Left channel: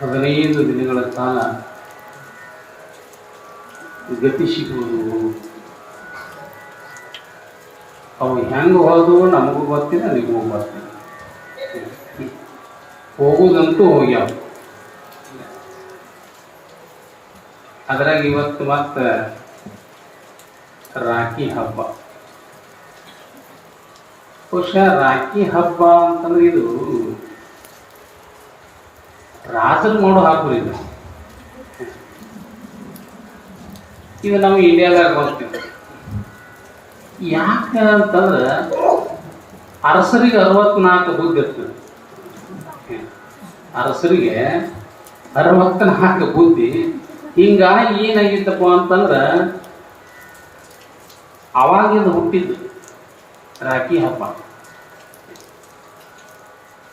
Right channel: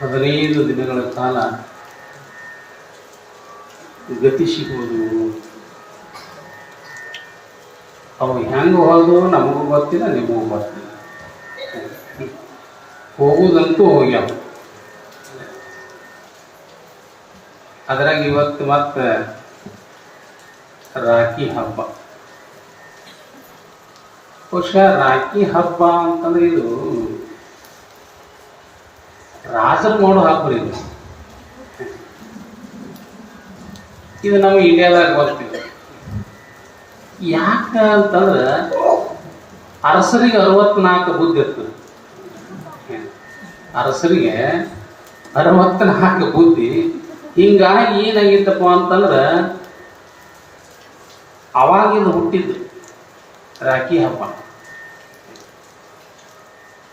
15 ದಿನಗಳ ಕಾಲ ಗತಿ ಸಿಗುವುದು. ಅವು ಹೆಂಗೆ ಹೋದವು ನಮಗೂ ಗೊತ್ತಿಲ್ಲ, ನಿಮಗೂ ಗೊತ್ತಿಲ್ಲ. ಹೋಗುವುದಂತೂ ಹೋಗ್ಯಾವ. ಅದ್ರಾಗ ಇವತ್ತು ಮತ್ತೆ ರಾಖಿ ಹಬ್ಬ. ಬಹುಶಃ ರಾಖಿ ಹಬ್ಬ ಅಂತಂದ್ರೆ ಇದು ರಾಜರು ನೋಡು ಹಾಕೋರಿ. ಇದು ನಾವು ಇಂಡಿಯಾದಾಗ ಬರ್ತೀವಿ. ಯಾಕ ಅಂತಂದ್ರೆ ಅರಸರಿಗೆ 64 ಬುದ್ಧಿ ಇರ್ತದೆ. ಅರಸರಿಗೆ 64 ಬುದ್ಧಿ. ಹಿಂಗಾಗಿ ಏನಾಗಿತ್ತಪ್ಪ ಅಂತಂದ್ರೆ ಅವಾಗಿಂದ ಹುಟ್ಟಿದ್ದು ರಾಖಿ ಹಬ್ಬ.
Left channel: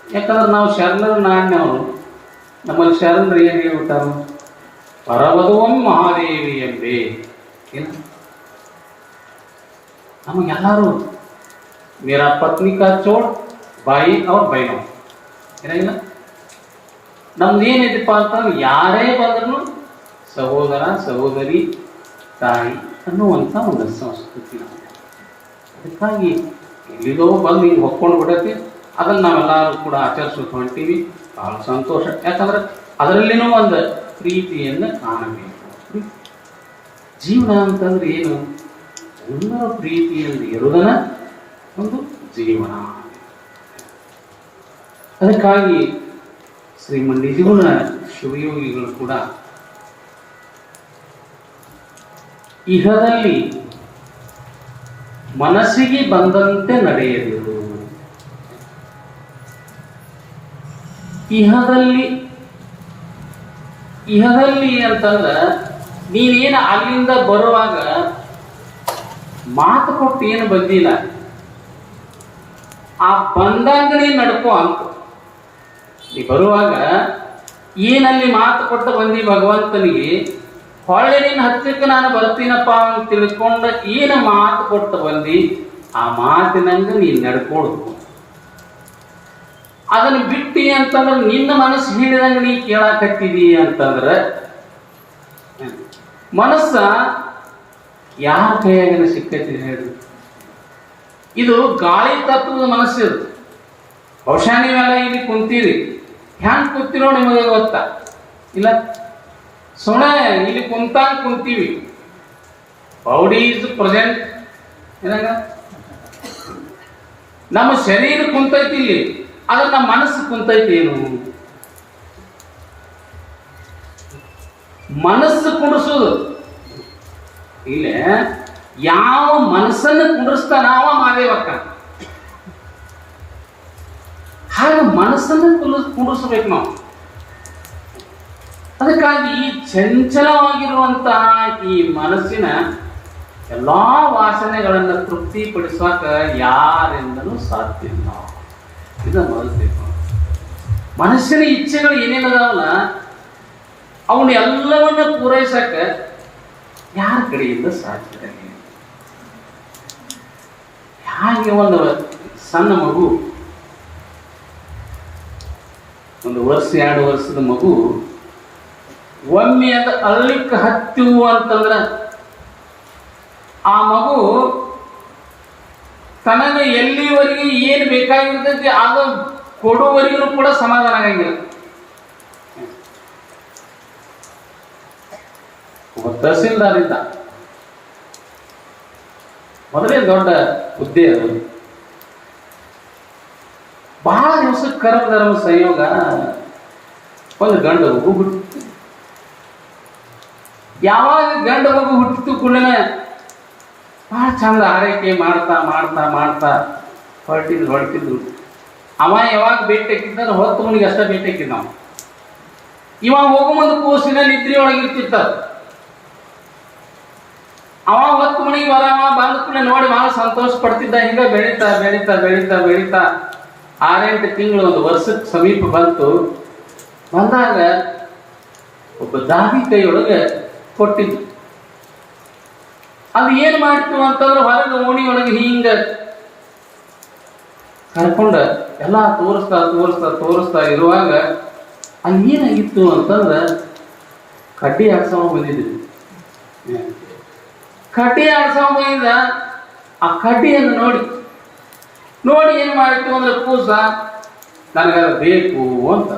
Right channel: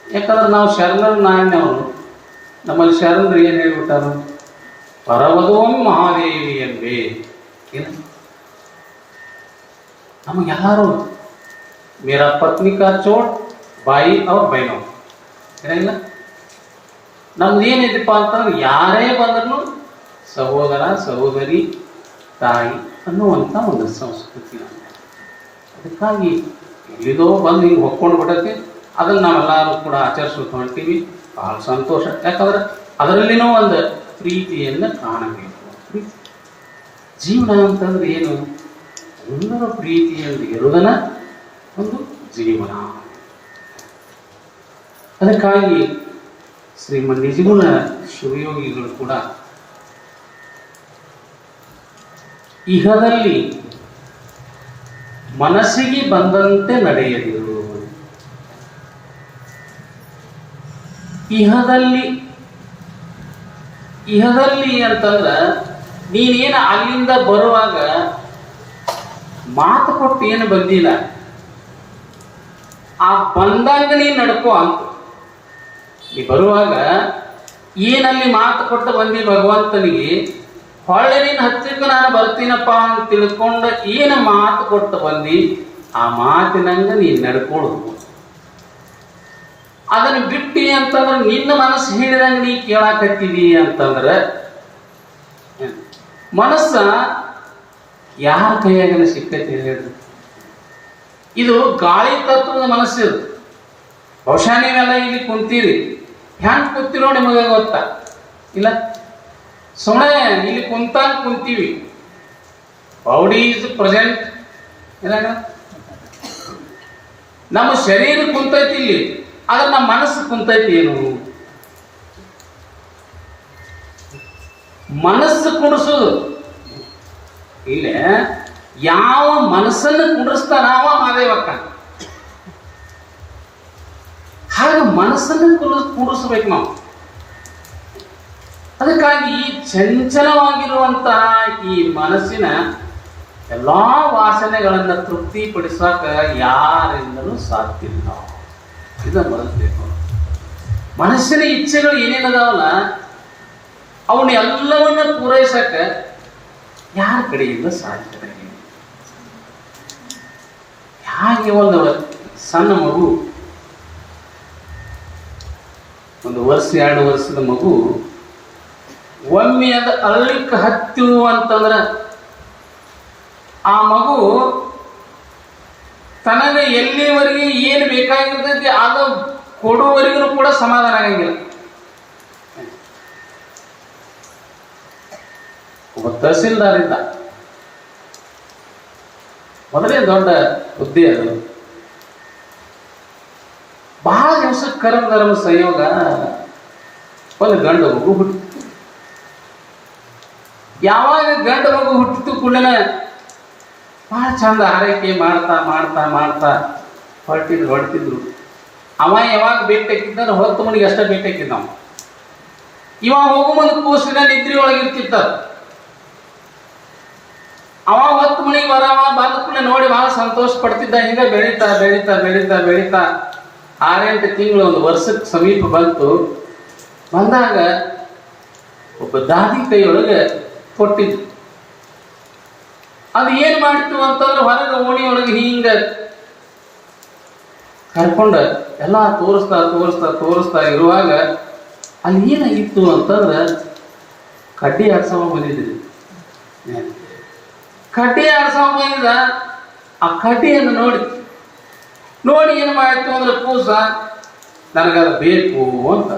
ಯಾಕಂದ್ರೆ ನಾವು ಶರಣರ ನಾಡಿನವರು. ನಮ್ಮಲ್ಲಿ ಶರಣರು ಏನು ಹೇಳ್ಬಿಟ್ಟಾರು? ಪರವಧೋಂ ಮಹಾದೇವಿ ಎಂಬೆ. ನಮಗೆಲ್ಲರೂ ಮೇರಾ ಪತ್ನಿ ಕಾ ಚೋಟ್ ಬಾಯಿ ಅವ್ರ ಬೈನೋ ಏನಿಲ್ಲ. ನಮ್ದು ಏನಿದೆಪ್ಪ ಅಂತಂದ್ರೆ ಯಾರೇ ಬಂದ್ರೂ ಸಹೋದರ ಸಹೋದರಿ ತಾಯಿ ಅನ್ನುವಂಥ ಒಂದು ಸಂಸ್ಕೃತಿ. ಅದಕ್ಕಾಗಿ ಎಲ್ಲಿದೋ ಬಂದು ಹಿಂಗೆ ಹೊಕ್ಕೊಂಡು ಬಿಡತ್ತೆ. ಅದನ್ನು ನಾವೆಲ್ಲರೂ ಕೂಡ ಆಚರಿಸ್ಬೇಕು ಹೊಂಟೀವಿ. ಬಹಳ ಸಂತೋಷ. ಯಾಕಂದ್ರೆ ಅದರಲ್ಲಿನೂ ಒಂದು ಪ್ರೀತಿಯನ್ನು ಕಾಣಬೇಕು. ಜೀವನ ಅಂತಂದ್ರೆ ಏನು? ಒಂದರ ಪ್ರೀತಿಯಲ್ಲಿ ಇರುವುದನ್ನ ಒಂದು ಜೀವನ. ಅದಕ್ಕಾಗಿ ಶ್ರೀಮನ್ ನಿಜಗುಣ ಶಿವಯೋಗಿಗಳು ಕೂಡ ಇಹದಲ್ಲಿ ಮನಸ್ಸಿಗೆ ಬಂದಂತೆ ನಡೆಯದಿರು. ಇಹದಲ್ಲಿ ಅಂತಂದ್ರೆ ನೀನೇನು ಅಲ್ಲಿಂದ ಬರುವಾಗ ಮಾತು ಕೊಟ್ಟು ಏನು ಬಂದಿಲ್ಲ, ಆ ಬಂದಾಗ ನೀನು ನಡ್ಕೋ ಅಂತ. ನೀ ಬರುವಾಗ ಏನಲ್ಲಿ ಮಾತು ಕೊಟ್ಟು ಬಂದಿ ಭಗವಂತನಿಗೆ, ಹೊಳ್ಳೆ ನೀನು ಹತ್ತಿರಕ್ಕೆ ನಾನು ಬರ್ತೀನಪ್ಪ ಅಂತ ತಿಳ್ಕೊಂಡು ಏನು ಮಾತು ಕೊಟ್ಟು ಬಂದಿ, ಆ ಮಾತಿನಂಗ ನೀನು ನಡ್ಕೊಡು. ಅದನ್ನು ಬಿಟ್ಟಿ ಅಂತಂದ್ರೆ ನಿನ್ನ ಮನಸ್ಸು ಹೇಳಿದಂಗೆ ನೀ ಕೇಳಾಕತ್ತಿದಿ ಅಂತಂದ್ರೆ ಮನಸ್ಸ ಯಾರ ಕೈಯಾಗ ಸಿಕ್ಕೈತಿ ಹೇಳಿ? ಇದು ಗಾಳಿ ತತ್ವದ ಮನಸ್ಸು. ಬಹುಶಃ ನೀವೆಲ್ಲ ಇಲ್ಲಿ ಕುಂತೀರಿ. ಹ್ಯಾಂಗ ಕೂತಿರೋ ನಿಮಗೆ ಗೊತ್ತಾ? ಇಲ್ಲ, ಸುಮ್ಮನೆ ಇಲ್ಲಿ ಕುಂತೀವಿ. Body is present. ಏನಾಗ ನಮ್ಮ ಶರೀರ ಕುಂತೈತಿ ಇಲ್ಲಿ, ಆದ್ರೆ ನಮ್ಮ ಮನಸ್ಸು ಕುಂತೈತಿ ಏನು? ಮನಸ್ಸು ಕುಡಿಸೋದು ಇಲ್ಲೇ ಯಾವ ಮನಸ್ಸನ್ನು ಕುಡಿಸ್ತಾನ ಅವ ಮಾದೇವಕ್ಕ. ಹಾಗೆ ಮನಸ್ಸನ್ನು ಕುಡಿಸ್ಬೇಕು ನಾವು. ಅದಕ್ಕಾಗಿ ಈ ಚಂಚಲವಾಗಿರುವಂತ ಈ ಮನಸ್ಸಿನ ಎಲ್ಲಾ ವಾಸನೆಗಳನ್ನ ತೃಪ್ತಿಪಡಿಸಾಕ ಯಾರಿಂದಲೂ ಸಾಧ್ಯ ಇಲ್ಲ. ಇದನ್ನು ಮನಸ್ಬೇಕು. ಮನಸ್ಸಿನ ಇಚ್ಛೆಗಳು ಏನೇನದಾವಲ್ಲ ಅವನ್ನ ಎಲ್ಲವನ್ನ ಪೂರೈಸಕ ಯಾರ ಕಡೆಯಿಂದ ಸಾಧ್ಯ? ಹಾಗೆ ಒಂದು ಸಣ್ಣ ಮಗು, 1 ವರ್ಷ 2 ವರ್ಷದ ಮಗು ಒಮ್ಮೆ ಅದು ಅಳ್ಳಿಕ್ಕೆ ಹತ್ತು ಅಂತಂದ್ರೆ ಆ ಮಗು ತನಗೆ ಎಲ್ಲಿವರೆಗೆ ಏನು ಬೇಕಾಗಿರ್ತೈತಿ ಅದು ಕೊಡುವವರೆಗೂ ಕೂಡ ಸಮಾಧಾನ ಆಗಂಗಿಲ್ಲ. ಒಬ್ಬ ತಹಸೀಲ್ದಾರ್ ಇದ್ದ. ಮೊದಲೇ ದೊಡ್ಡ ಹುದ್ದೆ ಅದು. ಬಹಳ ದಿವಸ ಕರ್ಮಧರ್ಮ ಸಂಯೋಗ ಒಂದು ಗಂಡು ಮಗು ಹುಟ್ಟಿತು. ಯಾವಾಗ ಗಂಡು ಮಗು ಹುಟ್ಟಿತು ಕೂಡ ಬಹಳ ಚಂದ ಆರೈಕೆ ಮಾಡ್ತಾ ಮಾಡ್ತಾ ಮಾಡ್ತಾ ಹೊರಟಿದ್ರು. ಅವ ಯಾವಾಗ ಭೇಟಿಯಾಕಿದ್ದ ಹೊತ್ತು ಮನಿಗೆ ಅಷ್ಟೇ ಭೇಟಿಯಾಕಿದ್ದ. ನಾವು ಇವಾಗ ಹೋಗೋ ಮುಂದೆ ಕೂಸಿನ ನಿದ್ರಿ ಒಳಗಿರ್ತಿತ್ತ. ಅವ ಹೊತ್ತು ಮನಿಗೆ ಬಂದ ಕೂಡ ನೋಡಿ ಬಹಳ ಸಂತೋಷ ಪಡ್ತಿದ್ದ. ಹಿಂಗ ಬೆಳೀತಾ ಬೆಳೀತಾ ಬೆಳೀತಾ ಬೆಳೀತಾ 6-8 ತಿಂಗಳು 1 ವರ್ಷಕ್ಕೆ ಸಮೀಪ ಬಂದಾಗ ಒಬ್ಬ ದಾದಿ ಕೈಯೊಳಗೆ ಕೊಟ್ಟಿದ್ದು. ಅದು ಏನ್ ಮಾಡ್ತೀವಿ ಅಂತಂದ್ರೆ ಹೊರಗೆ ಓಣಿಯೊಳಗೆ ಹಿಂಗ ಕರ್ಕೊಂಡ ಎಲ್ಲ ತೋರಿಸ್ತಾ ಇರುವಾಗ ಅಲ್ಲಿ ಏನಾಗಿತ್ತು ಅಂತಂದ್ರೆ ಕಡ್ಡಿ ಆಡ್ಸೋ ಬಂದಿದ್ರಿ. ಕಡ್ಡಿ ಆಡ್ಸೋ ಬಂದಿದ್ದ. ಆ ಕಡ್ಡಿಯನ್ನು ನೋಡಿ ಏನು ಮಾಡಿತ್ತು ಅಂದ್ರೆ ಕೂಸ ನನಗದು ಬೇಕು ಅಂತ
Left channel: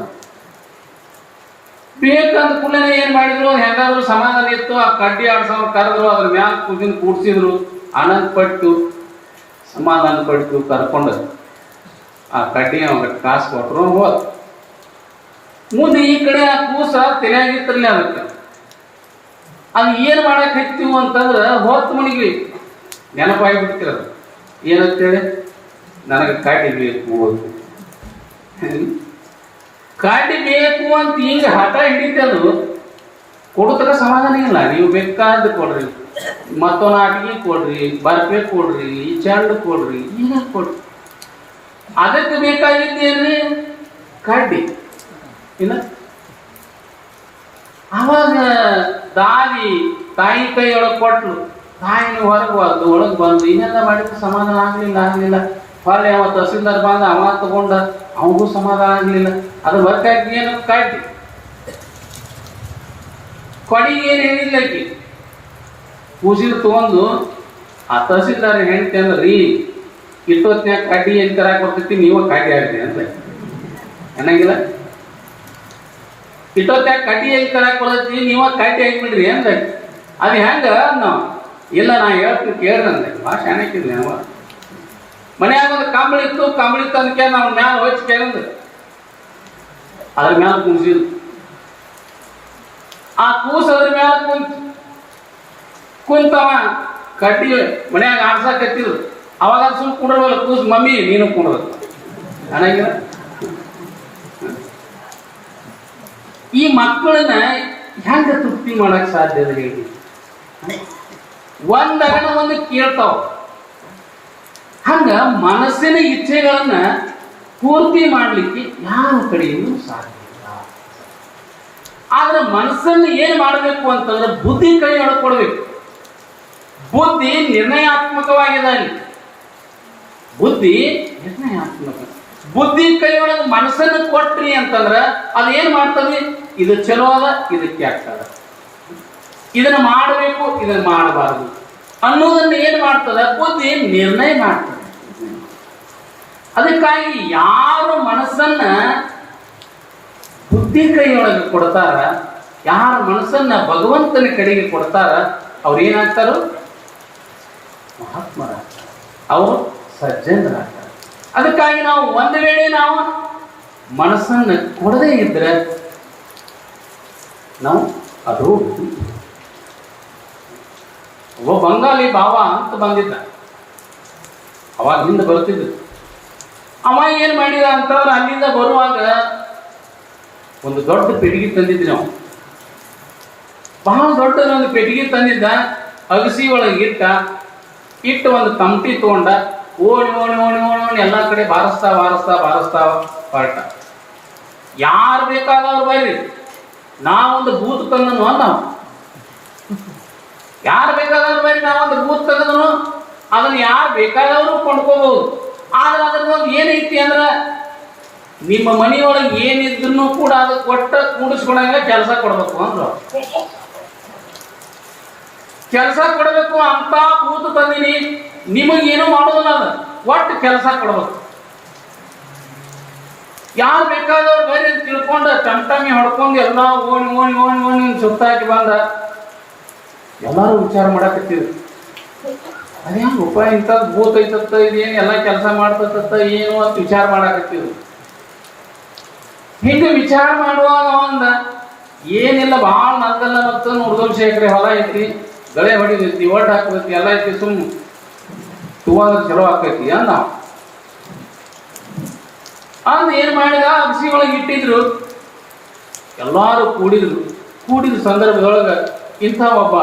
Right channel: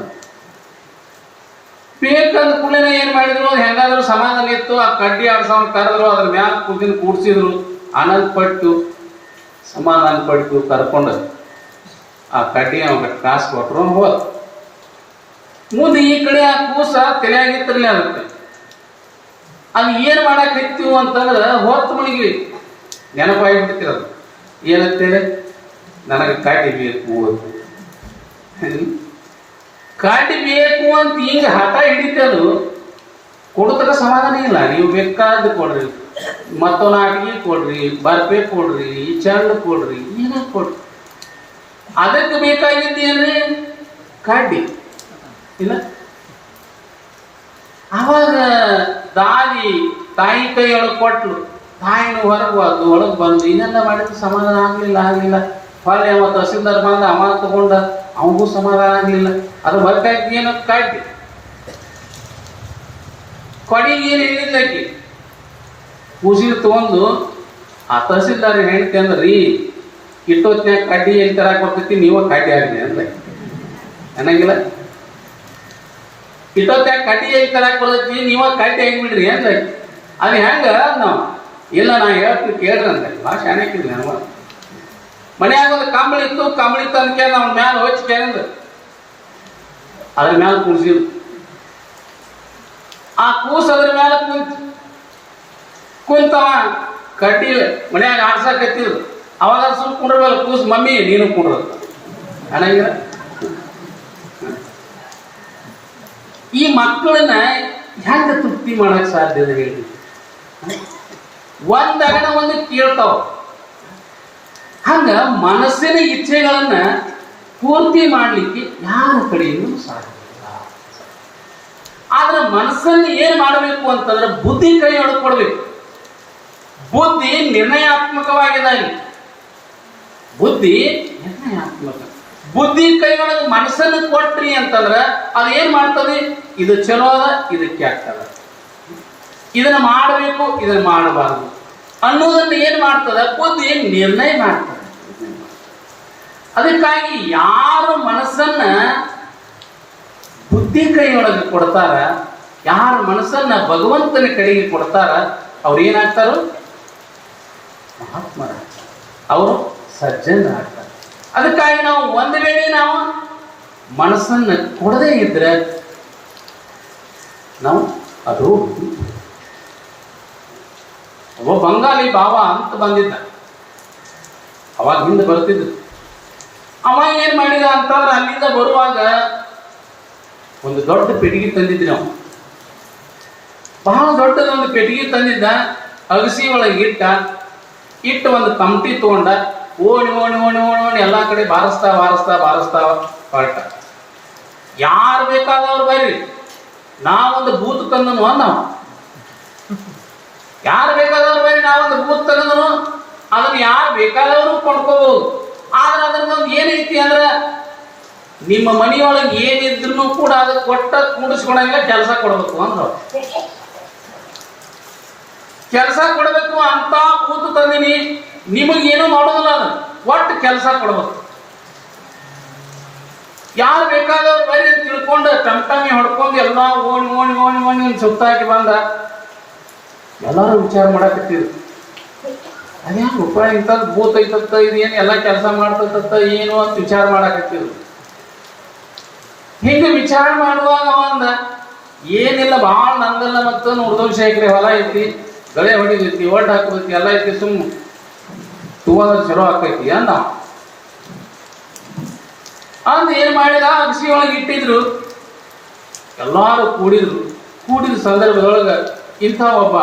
ಬೇಕಂದ ಕೂಡಲೇ ಏನ್ ಮಾಡಿದ್ರು, ಹೆಂಗಾದ್ರು ಸಮಾಧಾನ ಇತ್ತು. ಆ ಕಡ್ಡಿ ಆಡ್ಸೋ ಕರೆದ್ರು, ಅದ್ರ ಮ್ಯಾಲ ಕೂಡ್ಸಿದ್ರು, ಆನಂದ ಪಟ್ಟು ಸಮಾಧಾನ ಪಟ್ಟು ಕರ್ಕೊಂಡು ಆ ಕಡ್ಡಿ ಅವಾಗ ಕಾಸು ಕೊಟ್ಟರು ಹೋದ. ಮುಂದೆ ಈ ಕಡೆ ಆ ಕೂಸ ತಲೆಯಾಗಿತ್ತಿರಲಿ ಅದಕ್ಕೆ. ಅದು ಏನ್ ಮಾಡಕ್ ಹತ್ತೀವು ಅಂತಂದ್ರೆ ಹೊತ್ತು ಮಣಿಗೆ ನೆನಪಾಗಿಬಿಡ್ತಿರೋದು. ಏನಂತೇಳಿ ನನಗೆ ಕಾಟಿ ಬೇಕು ಅಂತ, ಕಾಟಿ ಬೇಕು ಅಂತ ಹಿಂಗೆ ಹಠ ಹಿಡಿತದು. ಕೊಡ್ತಾರ ಸಮಾಧಾನ ಇಲ್ಲ. ನೀವು ಬೇಕಾದ ಕೊಡ್ರಿ, ಮತ್ತೊಂದು ಆಟಿಗೆ ಕೊಡ್ರಿ, ಬರ್ಪೆ ಕೊಡ್ರಿ, ಈ ಚೆಂಡು ಕೊಡ್ರಿ, ಈಗ ಕೊಡ್ರಿ. ಅದಕ್ಕೆ ಬೇಕಾಗಿದ್ದೇನ್ರಿ ಕಡ್ಡಿ ಇಲ್ಲ. ಅವಾಗ ತಾಯಿ ಕೈಯೊಳಗೆ ಕೊಟ್ಲು. ತಾಯಿನ ಹೊರಗೆ ಅದು ಒಳಗೆ ಬಂದು ಇನ್ನೆಲ್ಲ ಮಾಡಿದ್ರು ಸಮಾಧಾನ ಆಗ್ಲಿಲ್ಲ. ಹೊರಗೆ ಅವ ತಹಸೀಲ್ದಾರ್ ಬಂದ, ಅವ ತಗೊಂಡ, ಅವನಿಗೂ ಸಮಾಧಾನ ಆಗ್ಲಿಲ್ಲ. ಅದ್ರ ಬರ್ತಾಗಿ ಏನು ಕಡ್ಡಿ ಕೊಡಿಗೆ ಏನು ಹೇಳಿಲ್ಲ. ಆಕಿ ಕೂಸಿರು ತಗೊಂಡು ಆ ತಹಸೀಲ್ದಾರ್ ಹೇಳ್ತಿ ಅಂದ್ರಿ, ಇಟ್ಟೊತ್ತಿನ ಕಡ್ಡಿ ಎಲ್ಲಿ ತರಾಕ್ ಬರ್ತೈತಿ, ನೀವು ಕಡ್ಡಿ ಆಗ್ರಿ ಅಂತ ಅನ್ನಂಗಿಲ್ಲ. ಇಟ್ಟೊತ್ತಾಗ ಕಡ್ಡಿ ಹೆಂಗ್ ತರಾಕ್ ಬರ್ತೈತಿ, ನೀವ ಕಡ್ಡಿ ಆಗಿಬಿಡ್ರಿ ಅಂದ. ಅದು ಹೆಂಗ ನಾವು ಇಲ್ಲ, ನಾ ಹೇಳ್ತೀನಿ ಕೇಳ್ರಿ ಅಂದ. ಭಾಷೆ ಹಾಕಿದ್ವಿ ನಾವು. ಮನ್ಯಾಗ ಒಂದು ಕಂಬಳಿ ಇತ್ತು ಅಂದ್ಕೆ ನಾವು ಮ್ಯಾಲ ಹೊಚ್ಚಿ ಕೇಳಿದ, ಅದ್ರ ಮ್ಯಾಲ ಕುಣಿಸಿದ್ರು. ಆ ಕೂಸ ಅದ್ರ ಮ್ಯಾಲ ಕುಂತವ ಕಡ್ಡಿ ಮನ್ಯಾಗ ಆಡ್ಸಾಕತ್ತಿದ್ರು. ಅವಾಗ ಸುಮ್ ಕುಂಡ್ರವಲ್ಲ ಕೂಸ್, ಮಮ್ಮಿ ನೀನು ಕುಂಡ್ರ ಅನ್ನಂಗಿಲ್ಲ. ಈ ಮಕ್ಕಳನ್ನ ಹೆಂಗ ತೃಪ್ತಿ ಮಾಡಕ್ ಸಾಧ್ಯ ಹೇಳಿ? ಒಂದಗಣ ಒಂದು ಕೇಳ್ತಾವ. ಹಂಗ ಮನಸ್ಸಿನ ಇಚ್ಛೆಗಳನ್ನ ಪೂರ್ತಿ ಮಾಡ್ಲಿಕ್ಕೆ ಯಾರ ಕಡೆಯಿಂದ ಸಾಧ್ಯ ಇಲ್ಲ. ಆದ್ರೆ ಮನಸ್ಸನ್ನು ಏನ್ ಮಾಡಬೇಕು ಅಂತಂದ್ರೆ ಬುದ್ಧಿ ಕೈಯೊಳಗೆ ಕೊಡ್ಬೇಕು. ಬುದ್ಧಿ ನಿರ್ಣಯಾತ್ಮಕವಾಗಿದೆ. ಬುದ್ಧಿ ನಿರ್ಣಯಾತ್ಮಕ. ಬುದ್ಧಿ ಕೈಯೊಳಗೆ ಮನಸ್ಸನ್ನು ಕೊಟ್ರಿ ಅಂತಂದ್ರ ಅದು ಏನ್ ಮಾಡ್ತದೆ, ಇದು ಚಲೋ ಅದ, ಇದು ಕೆಟ್ಟ ಅದ, ಇದನ್ನ ಮಾಡಬೇಕು, ಇದನ್ನ ಮಾಡಬಾರ್ದು ಅನ್ನೋದನ್ನ ಏನ್ ಮಾಡ್ತದ, ಬುದ್ಧಿ ನಿರ್ಣಯ ಮಾಡ್ತದೆ. ಅದಕ್ಕಾಗಿ ಯಾರು ಮನಸ್ಸನ್ನ ಬುದ್ಧಿ ಕೈಯೊಳಗೆ ಕೊಡ್ತಾರ, ಯಾರು ಮನಸ್ಸನ್ನ ಭಗವಂತನ ಕಡೆಗೆ ಕೊಡ್ತಾರ, ಅವ್ರು ಏನಾಗ್ತಾರೋ ಮಹಾತ್ಮರ, ಅವರು ಸಜ್ಜನರಾಗ್ತಾರೆ. ಅದಕ್ಕಾಗಿ ನಾವು ಒಂದು ವೇಳೆ ನಾವು ಮನಸ್ಸನ್ನ ಕೊಡದೇ ಇದ್ರೆ ನಾವು ಅದು ಒಬ್ಬ ಬಂಗಾಲಿ ಭಾವ ಅಂತ ಬಂದಿದ್ದ. ಅವಾಗ ಹಿಂದೆ ಬರ್ತಿದ್ದ. ಅವ ಏನ್ ಮಾಡಿದ ಅಂತಂದ್ರೆ ಅಲ್ಲಿಂದ ಬರುವಾಗ ಒಂದು ದೊಡ್ಡ ಪೆಟ್ಟಿಗೆ ತಂದಿದ್ವಿ ನಾವು. ಬಹಳ ದೊಡ್ಡದ ಒಂದು ಪೆಟ್ಟಿಗೆ ತಂದಿದ್ದ. ಅಗಸಿ ಒಳಗೆ ಇಟ್ಟು ಒಂದು ಕಮಟಿ ತಗೊಂಡ ಓಣಿ ಎಲ್ಲಾ ಕಡೆ ಬಾರಿಸ್ತಾ ಹೊರಟ. ಯಾರು ಬೇಕಾದವ್ರು ಬರ್ರಿ, ನಾವೊಂದು ಬೂತ್ ತಂದನು. ನಾವು ಯಾರು ಬೇಕಾದವ್ರು ಬರ್ರಿ, ನಾವೊಂದು ಬೂತ್ ತಂದನು. ಅದನ್ನ ಯಾರು ಬೇಕಾದವರು ಕೊಂಡ್ಕೋಬಹುದು. ಆದ್ರೆ ಅದ್ರದ್ದು ಏನೈತಿ ಅಂದ್ರ ನಿಮ್ಮ ಮನೆಯೊಳಗೆ ಏನಿದ್ರು ಕೂಡ ಅದು ಕೊಟ್ಟ ಕೂಡಿಸ್ಕೊಂಡಾಗ ಕೆಲಸ ಕೊಡ್ಬೇಕು ಅಂದ್ರ ಕೆಲಸ ಕೊಡ್ಬೇಕು ಅಂತ ಕೂತು ತಂದಿನಿ. ನಿಮಗೇನೋ ಮಾಡೋದಿಲ್ಲ, ಅದ ಒಟ್ಟು ಕೆಲಸ ಕೊಡ್ಬೇಕು. ಯಾರು ಬೇಕಾದವ್ರು ಬರೀ ಅಂತ ತಿಳ್ಕೊಂಡು ಟಮಟಮಿ ಹೊಡ್ಕೊಂಡು ಎಲ್ಲ ಓಣಿ ಸುತ್ತಾಕಿ ಬಂದ. ಎಲ್ಲಾರು ವಿಚಾರ ಮಾಡಕತ್ತಿದ್ರು, ಅದೇನು ಉಪಾಯ ಇಂಥದ್ದು ಭೂತ ಐತತ್ತ, ಇದೇನು ಎಲ್ಲ ಕೆಲಸ ಮಾಡ್ತತ್ತ ಏನು ಅಂತ ವಿಚಾರ ಮಾಡಕತ್ತಿದ್ರು. ಹಿಂಗೆ ವಿಚಾರ ಮಾಡುವಾಗ ಒಂದ ಏನಿಲ್ಲ, ಭಾಳ ನಂದಲ್ಲ ಮತ್ತು 3 ಎಕರೆ ಹೊಲ ಐತಿ, ಗಳೆ ಹೊಡಿದೈತಿ, ಒಡ್ಡು ಹಾಕೈತಿ, ಎಲ್ಲ ಐತಿ, ಸುಮ್ ಚಲೋ ಹಾಕೈತಿ ಅಂದ. ಅಂದ್ ಏನ್ ಮಾಡಿದ, ಅಗಸಿ ಒಳಗೆ ಇಟ್ಟಿದ್ರು. ಎಲ್ಲಾರು ಕೂಡಿದ ಸಂದರ್ಭದೊಳಗ ಇಂಥ ಒಬ್ಬ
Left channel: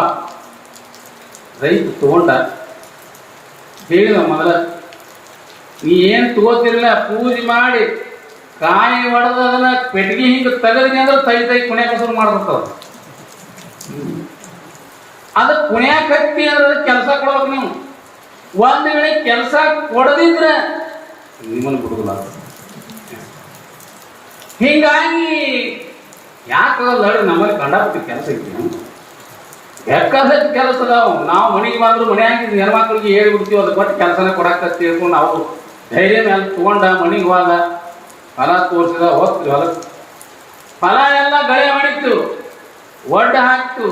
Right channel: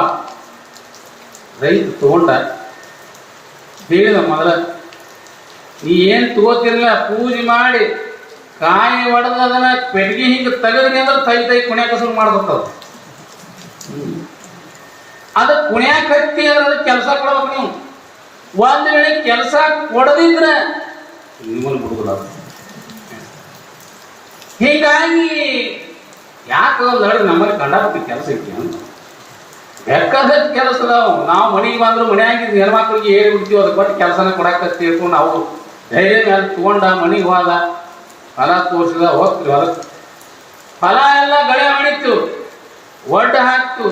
ರೈತ ತಗೊಂಡ. ಹೇಳಿದ ಮೊದಲ, ನೀ ಏನ್ ತಗೋತಿರಲ್ಲ, ಪೂಜೆ ಮಾಡಿ ಕಾಯಿ ಹೊಡೆದ ಅದನ್ನ ಪೆಟ್ಟಿಗೆ ಹಿಂಗ ತೆಗದ್ನಿ ಅಂದ್ರೆ ತೈ ಕುಣ್ಯಾಕ ಶುರು ಮಾಡ್ತದ. ಅದ ಕುಣ್ಯಾಕತ್ತಿ ಅಂದ್ರೆ ಕೆಲಸ ಕೊಡ್ಬೇಕು ನೀವು. ಒಂದ್ ವೇಳೆ ಕೆಲಸ ಕೊಡದಿದ್ರೆ ನಿಮ್ಮನ್ನು ಬಿಡುದಿಲ್ಲ. ಹೀಗಾಗಿ ಯಾಕೆ ನೋಡಿ ನಮ್ಮಲ್ಲಿ ಕಂಡಾಪಟ್ಟಿ ಕೆಲಸ ಐತಿ, ಬೇಕಾದಷ್ಟು ಕೆಲಸ ಅದಾವ. ನಾವು ಮನೆಗೆ ಬಂದ್ರು ಮನೆಯಾಗಿದ್ದು ಹೆಣ್ಮಕ್ಳಿಗೆ ಹೇಳ್ಬಿಡ್ತೀವಿ, ಅದು ಕೊಟ್ಟು ಕೆಲಸನ ಕೊಡಾಕತ್ತಿ ತಿಳ್ಕೊಂಡು ನಾವು ಧೈರ್ಯ ಮೇಲೆ ತಗೊಂಡ ಮನೆಗೆ ಹೋದ ಫಲ ತೋರಿಸಿದ ಹೋಗ್ತೀವಿ. ಹೊಲಕ್ಕೆ ಫಲ ಎಲ್ಲ ಗಳೆ ಮಾಡಿತ್ತು, ಒಡ್ಡ ಹಾಕ್ತು,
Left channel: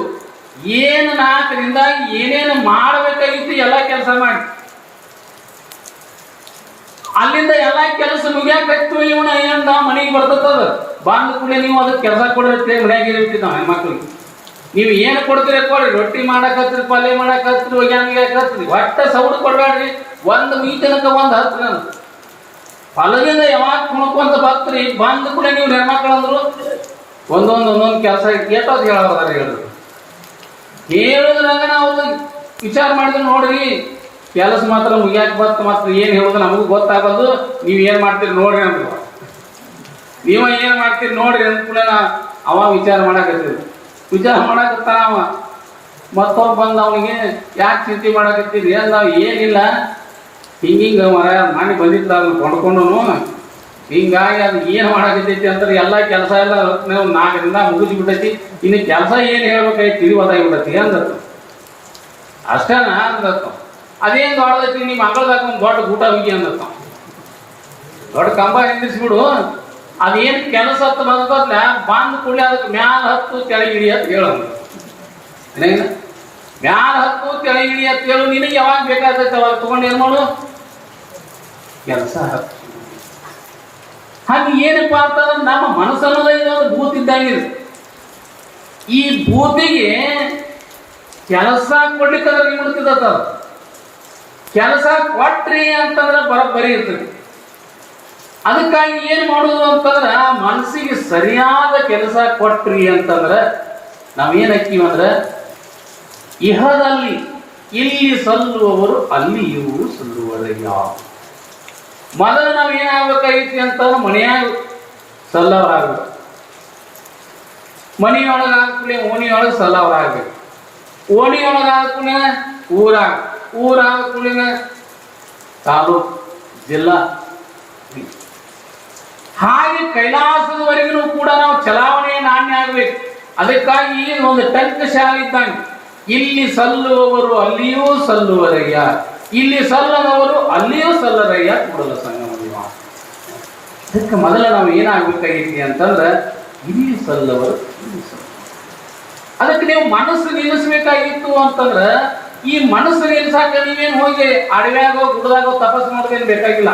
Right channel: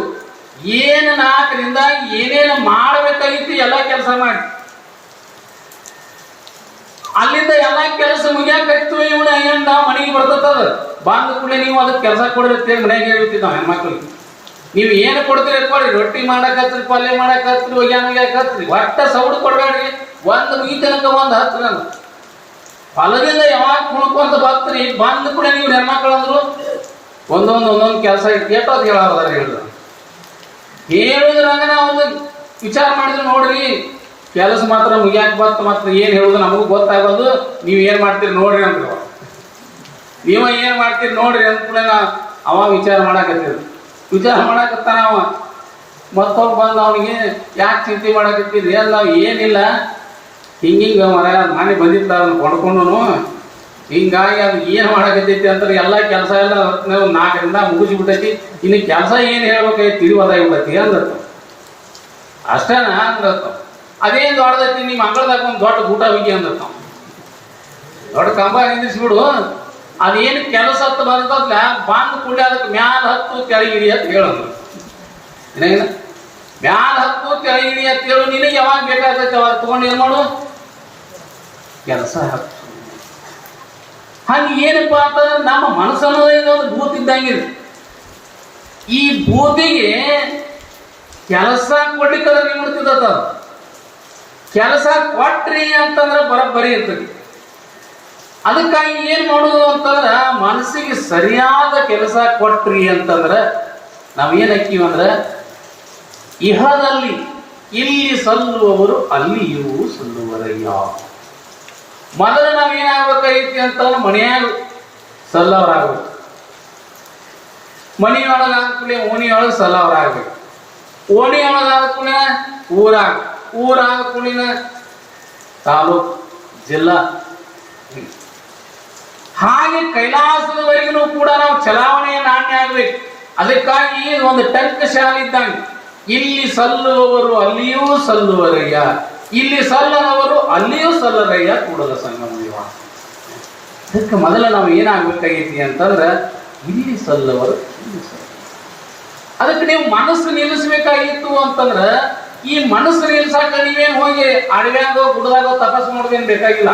ಏನು ನಾಲ್ಕರಿಂದ ಏನೇನು ಮಾಡಬೇಕಾಗಿತ್ತು ಎಲ್ಲ ಕೆಲಸ ಮಾಡಿ ಅಲ್ಲಿಂದ ಎಲ್ಲ ಕೆಲಸ ಮುಗಿಯಾಕತ್ತು. ಇವನ ಏನಂತ ಮನೆಗೆ ಬರ್ತದ ಬಾಂಧ ಕೂಡ ನೀವು ಅದಕ್ಕೆ ಕೆಲಸ ಕೊಡ್ರಿ ಮನೆಯಾಗ ಹೇಳ್ಬಿಟ್ಟಿದ್ದ ನಾವು ಹೆಣ್ಮಕ್ಳಿಗೆ. ನೀವು ಏನು ಕೊಡ್ತೀರಿ ಕೊಡ್ರಿ, ರೊಟ್ಟಿ ಮಾಡಕತ್ರಿ, ಪಲ್ಯ ಮಾಡಕತ್ರಿ, ಒಗ್ಯಾನಿಗಾಕತ್ರಿ, ಒಟ್ಟ ಸೌಡು ಕೊಡ್ಬೇಡ್ರಿ. ಒಂದು ಮೀತನಕ ಒಂದು ಹತ್ರ ಫಲದಿಂದ ಯಾವಾಗ ಕುಣ್ಕೊಂತ ಬರ್ತೀರಿ ಬಂದ ಕೂಡ ನೀವು ಹೆಣ್ಮಕ್ಳು ಅಂದ್ರು ಒಂದೊಂದು ಕೆಲಸ ಕೇಟೋ ಅದು ಹೇಳೋದಾರ ಹೇಳಿದ್ರು. ಹೇಳುದ್ರಾಗ ನಾವು ವಿಚಾರ ಮಾಡಿದ್ರೆ ನೋಡ್ರಿ ಕೆಲಸ ಮಾತ್ರ ಮುಗಿಯಾಕ ಬರ್ತ ಮಾತ್ರ ಏನ್ ಹೇಳುದು ನಮಗೂ ಗೊತ್ತಾಗೋದು. ನೀವ್ ಏನ್ ಮಾಡ್ತೀರಿ ನೋಡ್ರಿ ಅಂತ, ನೀವ ಏನ್ ಮಾಡ್ತೀರಿ ನೋಡ್ರಿ ಅಂತ ಅವ ವಿಚಾರ ಮಾಡಕತ್ತಿದ್ರು. ವಿಚಾರ ಮಾಡಕತ್ತಾನ ಅವ. ಮತ್ತೊಬ್ಬ ಬಂದ ಅವನಿಗೆ ಯಾಕೆ ಚಿಂತೆ ಮಾಡಕತ್ತಿದ್ರಿ? ನಾವು ಏನಿಲ್ಲ ಹಿಂಗಿಂಗ ಮನೆ ಬಂದಿತ್ತ ಅದನ್ನ ಕೊಂಡ್ಕೊಂಡು ಹಿಂಗಾಗಿ ಅದು ಏನ್ ಮಾಡಕತ್ತೈತಿ ಅಂದ್ರೆ ಎಲ್ಲ ಕೆಲಸ ಎಲ್ಲ 4ರಿಂದ ಮುಗಿಸ್ಬಿಟ್ಟೈತಿ, ಇನ್ನು ಕೆಲಸ ಏನ್ ಹೇಳ್ಬೇಕಾಗಿ ತಿಳಿಯೋದಾಗಿಬಿಡತಿ ಅಂದತ್ತು. ಅಷ್ಟೇನಾ ಅಂದತ್ತ. ಅದೇನ್ ದೊಡ್ಡದೈತಿ, ನಿಮ್ಮ ಮಗಳದಾಗ ಒಂದು ದೊಡ್ಡ ಊಟ ಹೋಗಿ ಅಂದತ್ತ. ದೊಡ್ಡ ಕಂಬ ನಿಂದಿಸ್ಬಿಡು, ಅದೇನು ಕೆಲಸ ಹತ್ತು ಬಂದದ್ಲ ಬಂದು ಕೂಡಲೇ ಅದಕ್ಕೆ ಮ್ಯಾಲ ಹತ್ತು ಕೆಳಗಿಡಿ ಅಂತ ಹೇಳೋದು. ಮ್ಯಾಲ ಹತ್ತು ಕೆಳಗಿಡಿ ಅಂತ ಹೇಳು. ನಿನಗೆ ಯಾವಾಗ ಬೇಕಾಗೈತೆ ಅವಾಗ ತಗೊಂಡು ಏನ್ ಮಾಡು ಕೆಲಸ ಹತ್ತು. ಹಾಗೆ ಏನಪ್ಪಾ ಅಂತ ನಮ್ಮ ಮನಸ್ಸನ್ನು ಒಂದು ಭೂತ ಇದ್ದಂಗಿದೆ. ಈ ಭೂತಿಗೆ ಕೆಲಸ ಕೊಡ್ಲಿಕ್ಕೆ ಬಿಡ್ತಿದ್ದ. ಕೆಲಸ ಕೊಟ್ರಿ ಅಂತಂದ್ರೆ ಬರೀ ಇರ್ತದೆ. ಅದಕ್ಕಾಗಿ ಏನ್ ಮಾಡುದು ಅಂತಂದ್ರ ಮನಸ್ಸಿಗೆ ಸರಿಯಾದ ಕೆಲಸ ಕೊಟ್ರಿ ಅಂತಂದ್ರ ನಾವೇನ್ ಹಾಕಿವಂದ್ರ ಇಹದಲ್ಲಿ ಇಲ್ಲಿ ಸಲ್ಲುವವರು ಅಲ್ಲಿಯೂ ಸಲ್ಲುವರಯ್ಯ. ಮೊದಲು ನಾವ್ ಏನಾಗಬೇಕಾಗೈತಿ ಅಂತಂದ್ರೆ ಮನೆಯಾಗ ಸಲ್ಲವರಾಗಬೇಕು. ಮನೆಯೊಳಗಾಗ್ಲಿ ಓಣಿಯೊಳಗೆ ಸಲ್ಲವರಾಗಬೇಕು. ಓಣಿಯೊಳಗಾಗ್ಲಿ ಊರಾಗ್ಲಿ ತಾಲೂಕು ಜಿಲ್ಲಾ, ಹಾಗೆ ಕೈಲಾಸದವರೆಗೂ ಕೂಡ ನಾವು ಚಲಾವಣೆ ನಾಣ್ಯ ಆಗ್ಬೇಕು. ಅದಕ್ಕಾಗಿ ಒಂದು ಟಂಕ ಶಾಲೆ ಇದ್ದಂಗೆ ಇಲ್ಲಿ ಸಲ್ಲುವವರು ಅಲ್ಲಿಯೂ ಸಲ್ಲುವರಯ್ಯ, ಇಲ್ಲಿ ಸಲ್ಲದವರು ಅಲ್ಲಿಯೂ ಸಲ್ಲರಯ್ಯ ಕೂಡಲ ಸಂಗಮ ವಿವಾಹ. ಅದಕ್ಕೆ ಮೊದಲ ನಾವು ಏನಾಗಬೇಕಾಗೈತಿ ಅಂತಂದ್ರೆ ಇಲ್ಲಿ ಸಲ್ಲವರು ಇಲ್ಲಿ ಸಲ್ಲ. ಅದಕ್ಕೆ ನೀವು ಮನಸ್ಸು ನಿಲ್ಲಿಸಬೇಕಾಗಿತ್ತು ಅಂತಂದ್ರೆ ಈ ಮನಸ್ಸು ನಿಲ್ಸಾಕ ನೀವೇನು ಹೋಗಿ ಅಡವ್ಯಾಗೋ ಗುಡದಾಗೋ ತಪಸ್ಸು ಮಾಡೋದೇನು ಬೇಕಾಗಿಲ್ಲ.